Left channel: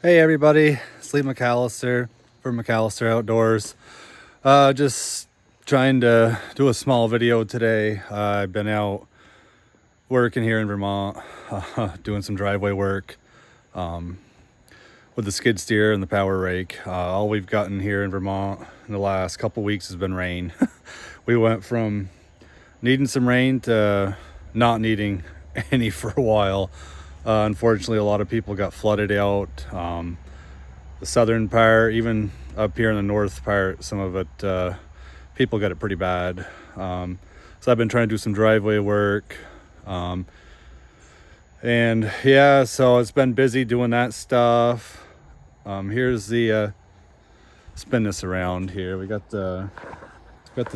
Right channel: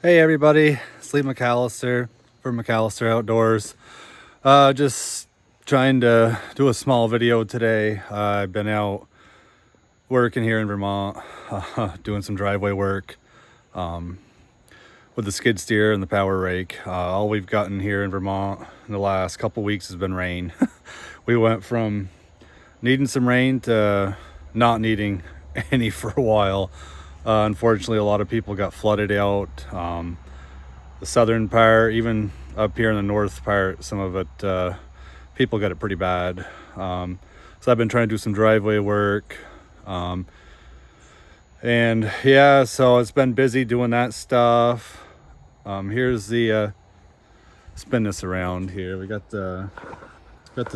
Hey everybody, it's Lee McAllister from McAllister Outdoors. Just trying to do a small video today. I've been out working here in Vermont, doing some driveway work with the skid steer and the power rake. All we've gotten here in Vermont in the last couple weeks has been rain. We went from needing some rain to not needing any for a while. Unfortunately, a lot of people got flooded out. The southern part, even up here in the north part, some of it, people got it pretty bad. So I've been trying to do some driveway work. And yeah, so it's been busy doing that stuff. Here's the, spin this around here. We got the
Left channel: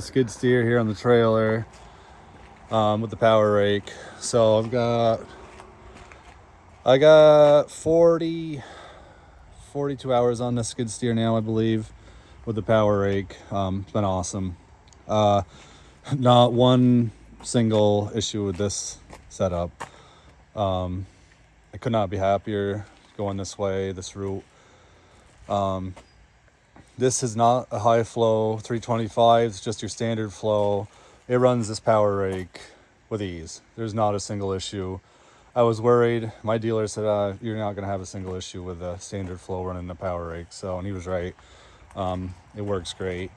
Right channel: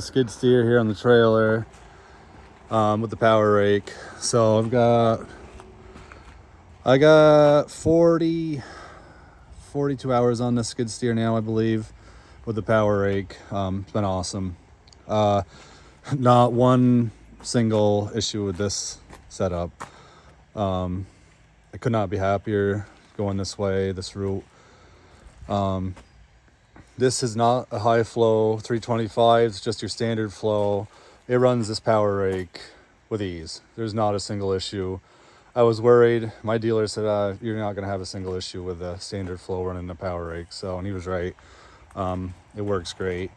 skid steer here on the trailer, with the power rake. So I got 42 hours on the skid steer now, I believe, with the power rake. It's been awesome. Not one single issue with this setup. I could not be happier going this way, this route. This is not a high flow 325, it's just your standard flow. It runs this power rake with ease. There's not a single issue. I was worried. My dealer said, you're not going to have a single issue with the standard flow running the power rake. So, and he was right. It works great.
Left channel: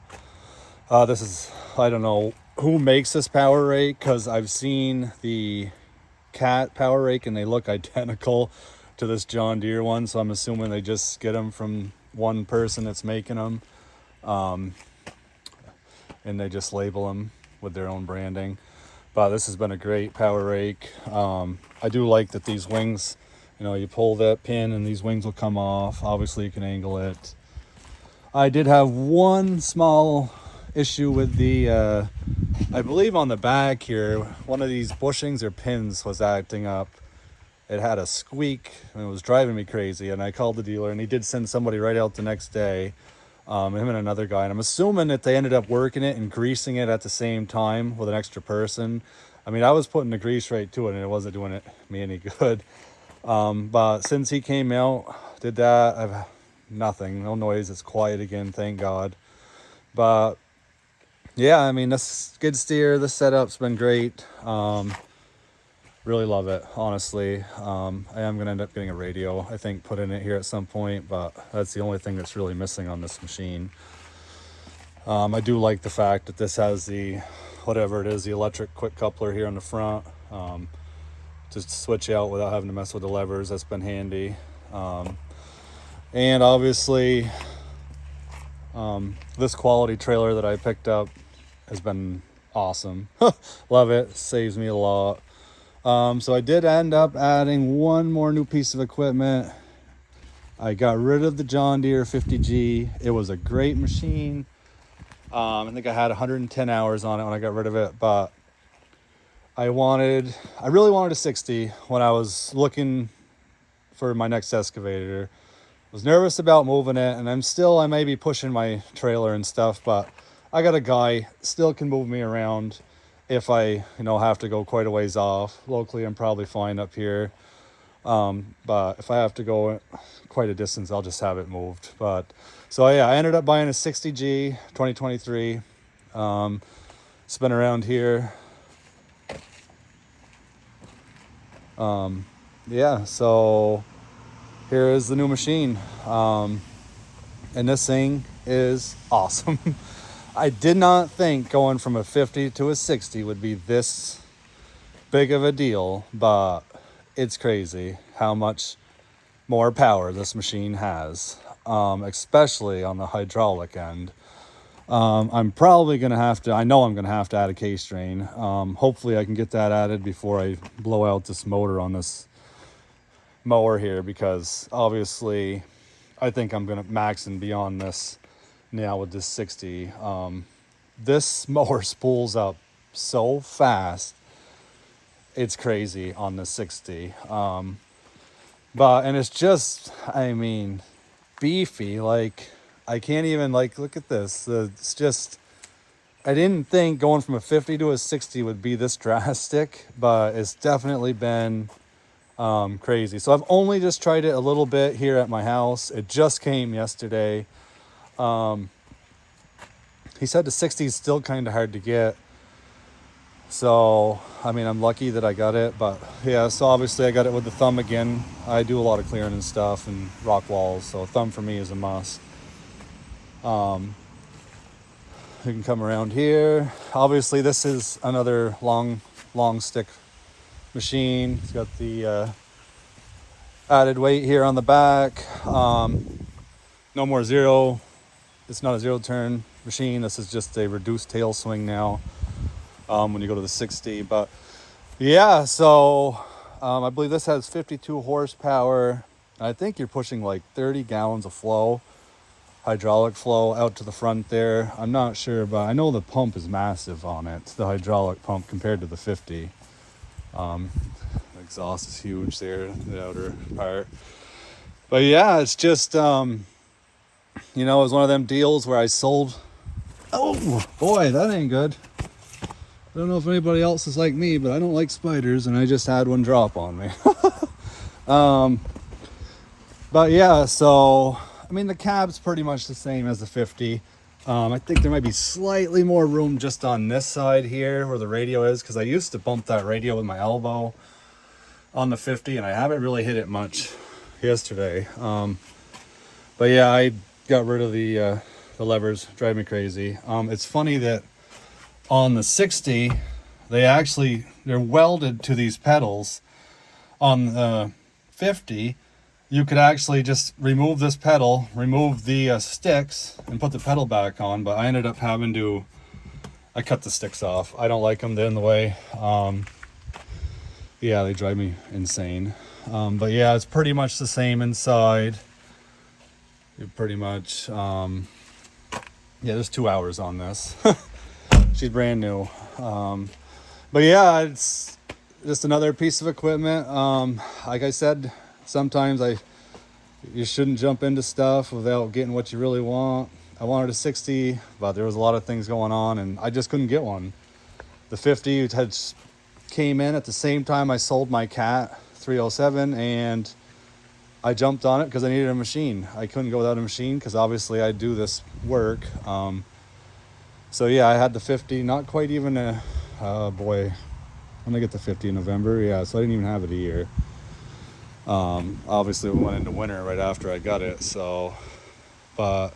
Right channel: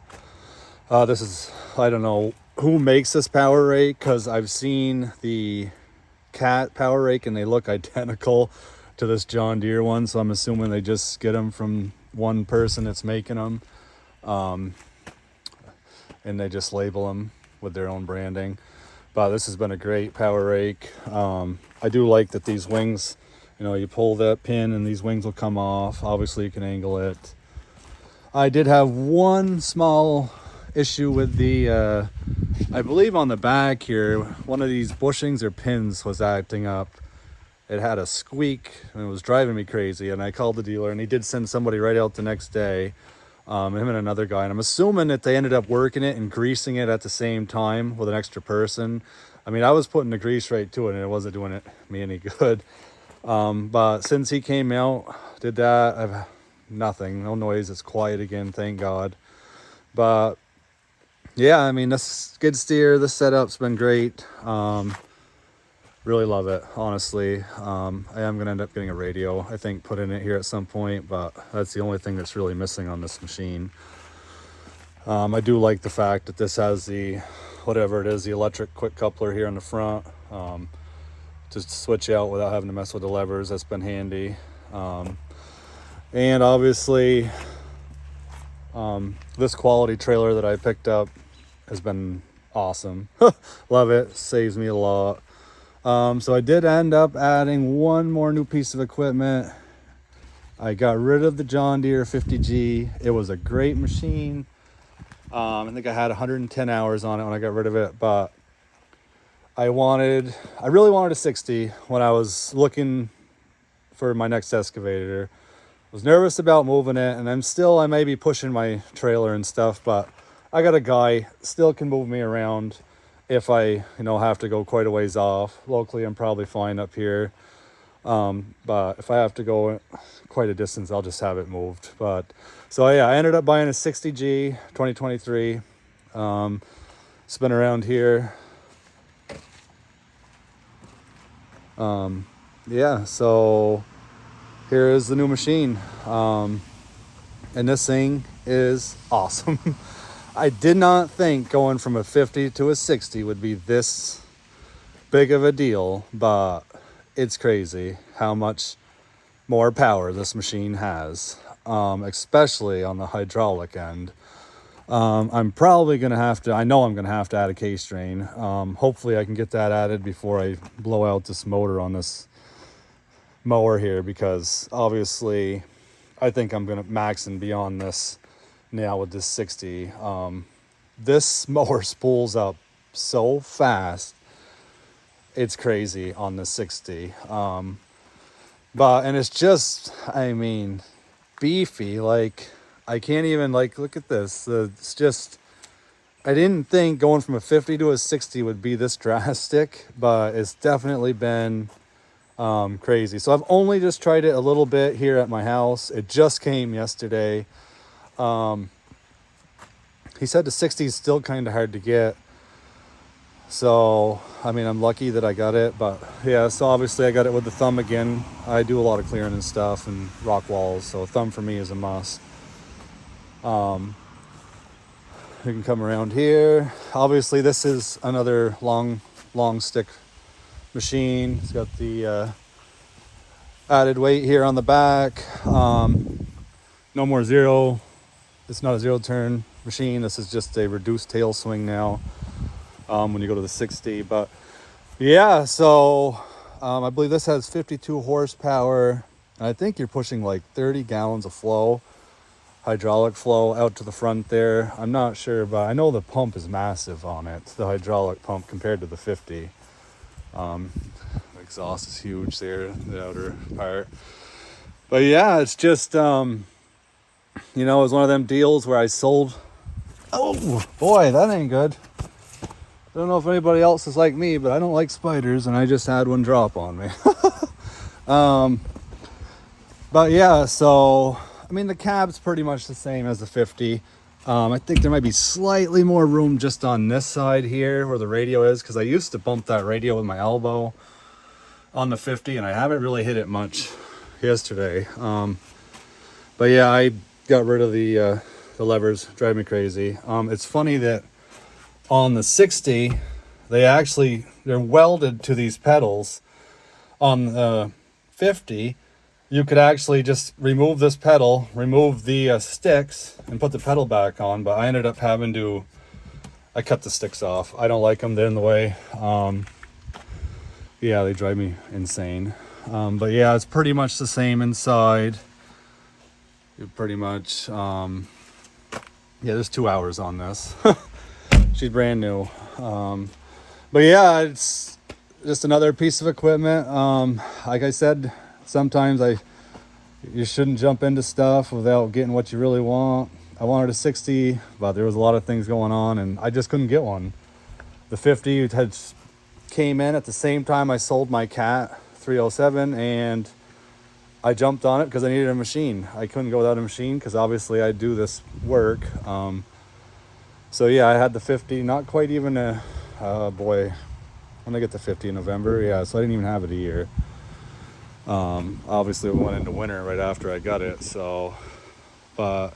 This is, I don't know who makes this power rake, because I've seen the Cat power rake and they look identical to this John Deere one. So I'm assuming they just get them from one person that's making them. And they just label them with their own branding. But this has been a great power rake. I do like that these wings, you pull that pin and these wings will come off. Obviously you can angle it. I did have one small issue with the, I believe on the back here, one of these bushings or pins was acting up. It had a squeak and it was driving me crazy. And I called the dealer and he did send somebody right out the next day. Him and another guy, and I'm assuming that they ended up working it and greasing it at the same time with an extra person. I mean, I was putting the grease right to it and it wasn't doing me any good. But since he came out, did that, I've nothing, no noise. It's quiet again, thank God. But yeah, I mean, this skid steer, this setup's been great. Really love it, honestly. I am gonna end up getting a radio, I think, put in it here at some point, but that's the only thing that's really missing on this machine. I do like the fact that this has the, whatever it is, the electric quick coupler here in the front, to switch out without having to mess with the levers. That's been handy. And obviously, this quality trailer that I picked up has been awesome. Love it, saves me a lot. So I did end up adding one more new piece of equipment. I got rid of the John Deere 50G. It was a great machine. I think I had 110 hours on it when I got rid of it, but I really wanted a 60 when I was looking for my next excavator. I was nervous about moving it, and I may be pushing my trailer and stuff, but I got a guy still can move me around. If I, have to go quite a ways off. Locally, I'm probably fine up here. But if I have to go quite a distance, I'll just have it moved. But so yeah, I ended up buying a 60G 2023. It's been around here. Yeah, so here is the new machine. And this thing is awesome. I did not think going from a 50 to a 60 would be this big of a deal, but it's crazy how much more power this machine has, especially on the hydraulic end. I'm probably going to have to, I know I'm going to have to add a K-strain. Hopefully I can get that added before I blow out this motor on this mower here, because obviously I think I'm going to max and beyond this now with this 60. This mower spools up so fast, it's crazy on the 60. And it's just, I mean, beefy. Like, I can't even, look at this. It's just, I didn't think going from a 50 to a 60 would be this drastic, but it's definitely been Crazy. So I've only just tried it a little bit here at my house. It just came yesterday. He said the 60 is still kind of hard to get. So, I mean, I'm lucky that I got it, but yeah, so obviously I got it with the thumb again. I do a lot of clearing and stuff and rock walls, so thumb for me is a must. You can come around here. Obviously this is another long stick machine. It's got the added weight here on the back. No more zero. It's not a zero turn machine. This is just a reduced tail swing now. When you go to the 60, but yeah, so I believe this has 52 horsepower. I think you're pushing like 30 gallons of flow, hydraulic flow out to the front there. I'm not sure, but I know the pump is massive on it, the hydraulic pump compared to the 50. The exhaust is huge there, the outer part. But yeah, it's just you know, it was one of them deals where I sold. Oh boy, that ain't good. I don't know if anybody else is like me, but I don't like spiders, and I just had one drop on me. But yeah, so I mean the cab's pretty much the same as the 50. I think there might be slightly more room just on this side here where the radio is, because I used to bump that radio with my elbow on the 50, and I haven't really hit it much yesterday. But yeah, I got rid of the levers. Drive me crazy. It's funny that on the 60, they're welded to these pedals. On the 50, you could actually just remove this pedal, remove the sticks, and put the pedal back on, but I ended up having to, I cut the sticks off. I don't like them, they're in the way. Yeah, they drive me insane. But yeah, it's pretty much the same inside. You're pretty much, yeah, there's 2 hours on this. She's brand new. But yeah, it's just another piece of equipment. Like I said, sometimes you shouldn't jump into stuff without getting what you really want. I wanted a 60, but there was a lot of things going on and I just couldn't get one. The 50 came in at the same time I sold my Cat 307, and I jumped on it because I needed a machine. I couldn't go without a machine because obviously I do this work. So yeah, I had the 50, not quite even a, boy, when I get the 50 in November, yeah, so I didn't even have it a year. Obviously it went into winter right after I got it, so, but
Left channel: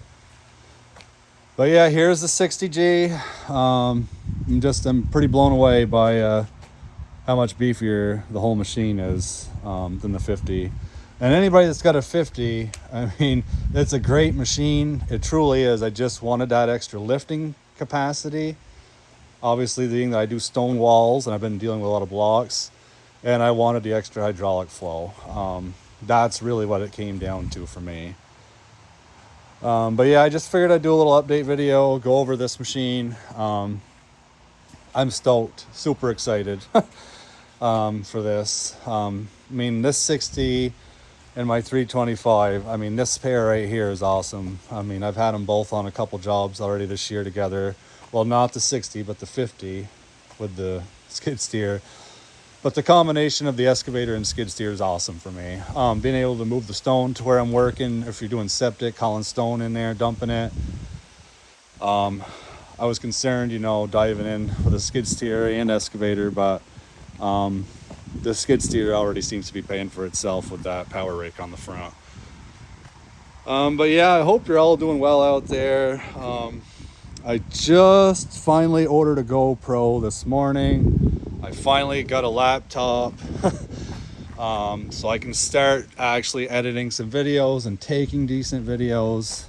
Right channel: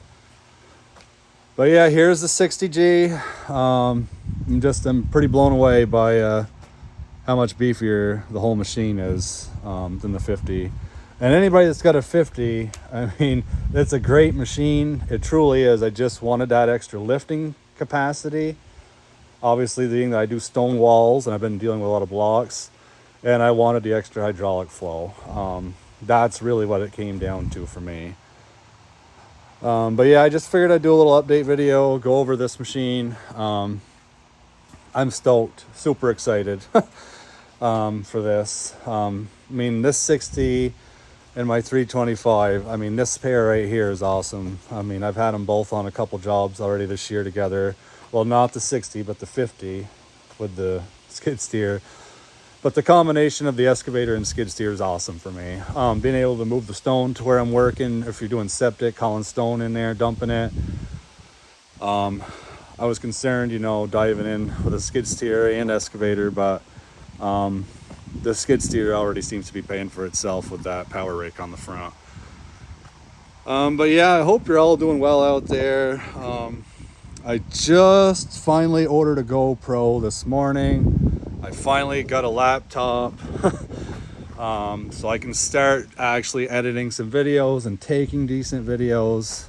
yeah, here's the 60G. I'm pretty blown away by how much beefier the whole machine is than the 50. And anybody that's got a 50, I mean, it's a great machine. It truly is. I just wanted that extra lifting capacity. Obviously, being that I do stone walls and I've been dealing with a lot of blocks, and I wanted the extra hydraulic flow. That's really what it came down to for me. But yeah, I just figured I'd do a little update video, go over this machine. I'm stoked, super excited for this. I mean, this 60 and my 325, I mean, this pair right here is awesome. I mean, I've had them both on a couple jobs already this year together. Well, not the 60, but the 50 with the skid steer. But the combination of the excavator and skid steer is awesome for me. Being able to move the stone to where I'm working, if you're doing septic, hauling stone in there, dumping it. I was concerned, you know, diving in with a skid steer and excavator, but the skid steer already seems to be paying for itself with that power rake on the front. But yeah, I hope you're all doing well out there. I just finally ordered a GoPro this morning. I finally got a laptop so I can start actually editing some videos and taking decent videos,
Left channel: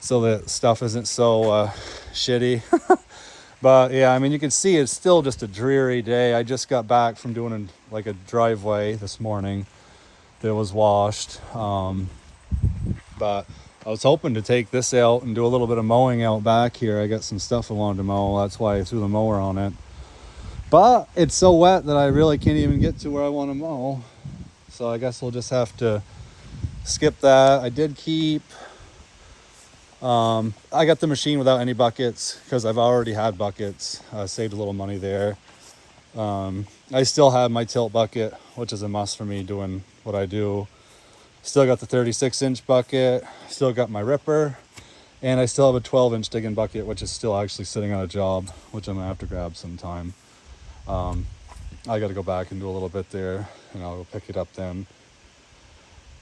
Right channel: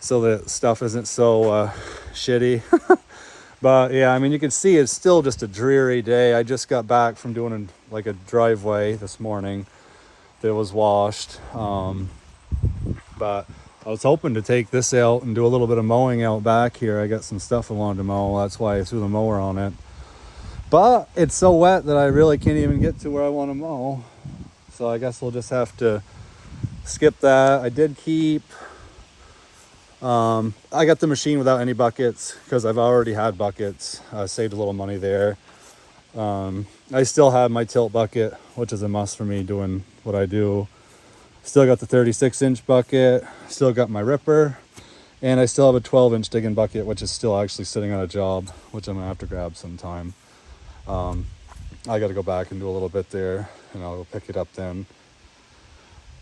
so that stuff isn't so shitty. But yeah, I mean, you can see it's still just a dreary day. I just got back from doing like a driveway this morning that was washed. But I was hoping to take this out and do a little bit of mowing out back here. I got some stuff I wanted to mow. That's why I threw the mower on it. But it's so wet that I really can't even get to where I want to mow. So I guess we'll just have to skip that. I did keep... I got the machine without any buckets because I've already had buckets. I saved a little money there. I still have my tilt bucket which is a must for me doing what I do. Still got the 36-inch bucket, still got my ripper, and I still have a 12-inch digging bucket, which is still actually sitting on a job, which I'm gonna have to grab sometime. I got to go back and do a little bit there, and I'll pick it up then.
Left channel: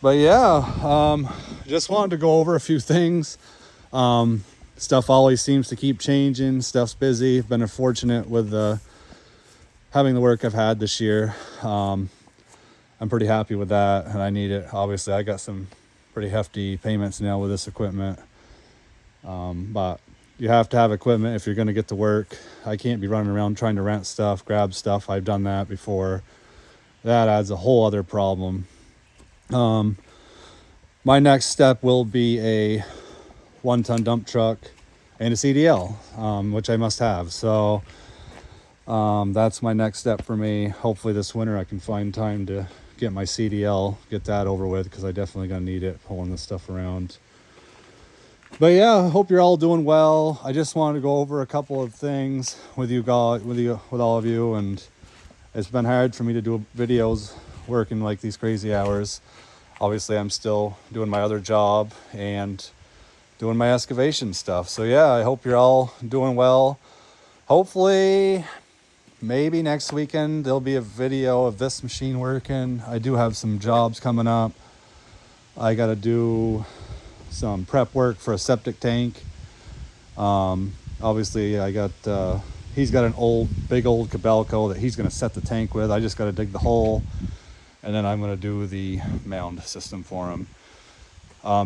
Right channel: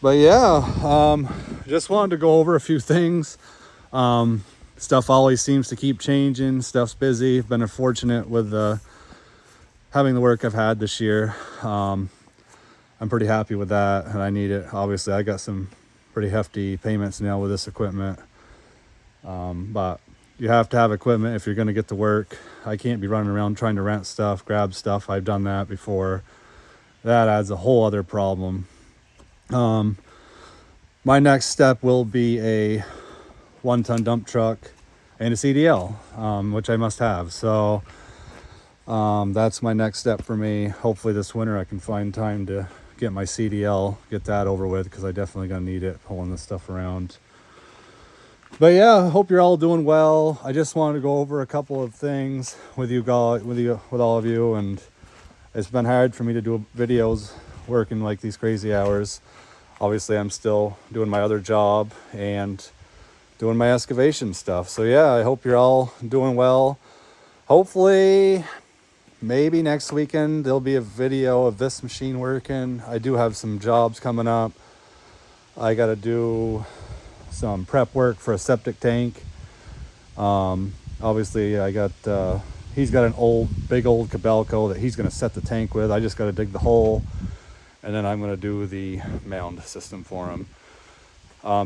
But yeah, just wanted to go over a few things. Stuff always seems to keep changing. Stuff's busy. Been fortunate with having the work I've had this year. I'm pretty happy with that, and I need it. Obviously, I got some pretty hefty payments now with this equipment. But you have to have equipment if you're going to get to work. I can't be running around trying to rent stuff, grab stuff. I've done that before. That adds a whole other problem. My next step will be a 1-ton dump truck and a CDL, which I must have. So that's my next step for me. Hopefully this winter I can find time to get my CDL, get that over with, because I definitely gonna need it pulling this stuff around. But yeah, I hope you're all doing well. I just wanted to go over a couple of things with all of you, and it's been hard for me to do videos working like these crazy hours. Obviously, I'm still doing my other job and doing my excavation stuff. So yeah, I hope you're all doing well. Hopefully, maybe next weekend there'll be a video of this machine working. I do have some jobs coming up. I got to do some prep work for a septic tank. Obviously he's got an big old Cabelco that he's going to set the tank with. I just got to dig the hole, and then I'm going to do the mound system for him.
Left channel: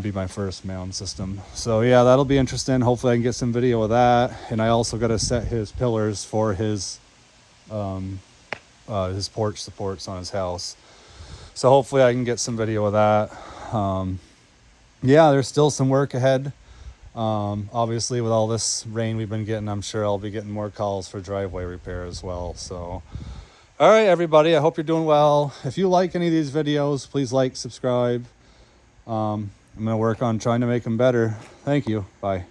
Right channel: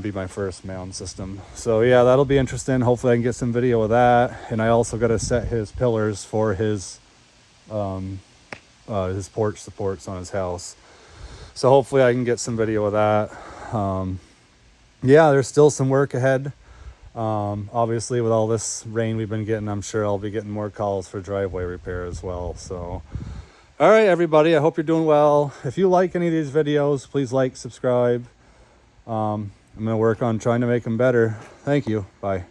Be my first mound system. So yeah, that'll be interesting. Hopefully I can get some video of that. And I also got to set his pillars for his porch supports on his house. So hopefully I can get some video of that. Yeah, there's still some work ahead. Obviously with all this rain we've been getting, I'm sure I'll be getting more calls for driveway repair as well. So, all right, everybody, I hope you're doing well. If you like any of these videos, please like, subscribe. I'm gonna work on trying to make them better. Thank you, bye.